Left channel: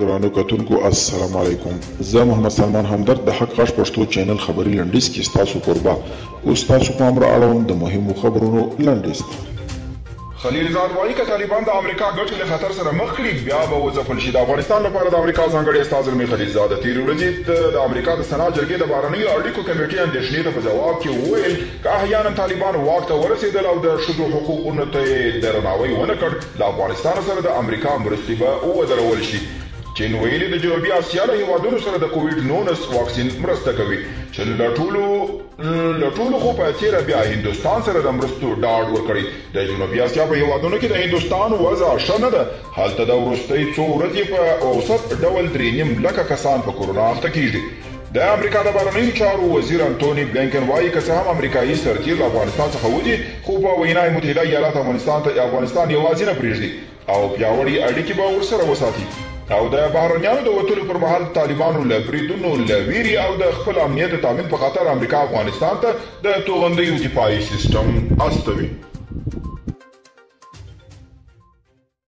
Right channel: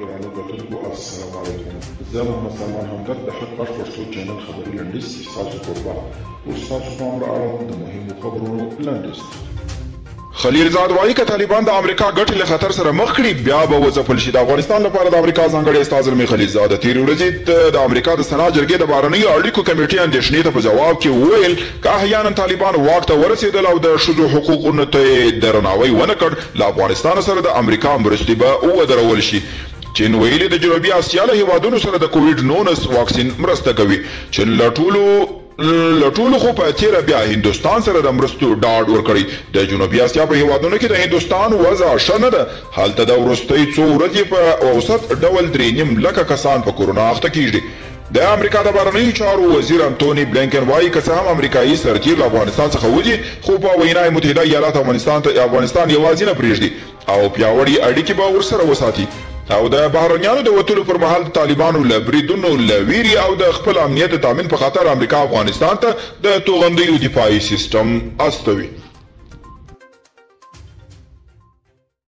درانه کتونکو السلام علیکم. زه محمد سلمان همدرد د حق غږ پښتو چینل خبري لنډیز کې ستاسو قربا اوس تاسو په امر اړوند د مهمو خبرونو لنډیز. خلیلزاد وایي که طالبان د امریکا ګټې له خطر سره مخ کړي بیا به وځپل شي. د افغانستان لپاره د امریکا ځانګړی استازی زلمی خلیلزاد تېرې ورځې د امریکا د سنا جرګې د بهرنیو اړیکو کمیټې اندېښنې ته په جواب کې وویل که احیانا طالبان واک ته ورسېدل او د ښځو حقوقونو ته یې درناوی ونه کړ له افغانستان سره د امریکا مرستې به ودرول شي. چین ویلي د جنوبي اسیا له هیوادونو سره د کووډ-19 واکسین مرسته کوي. چین له ټولو خو په تېره بیا هندوستان سره د مرستو ډاډ ورکړی. د جنوبي اسیا په هیوادونو کې د هندوستان وضع ښه نه ده. هلته د وروستۍ څو ورځې په اوسط ډول 3.5 لکه کسان په کورونا اخته کیږي. د امریکا د بهرنیو چارو وزیر انټوني بلینکن وایي که څه هم امریکایي سرتیر له افغانستان څخه وځي خو په وینا متحده ایالات افغانستان یوازې نه پرېږدي او پیاوړي اړیکې به ورسره وساتي او د بهرنیانو د وتلو پر مهال طالبانو له بریدونو له ویرې او د خپل امنیت د تامین په خاطر امریکا افغانستان ته د توغندیو دفاعي سیستم استوي.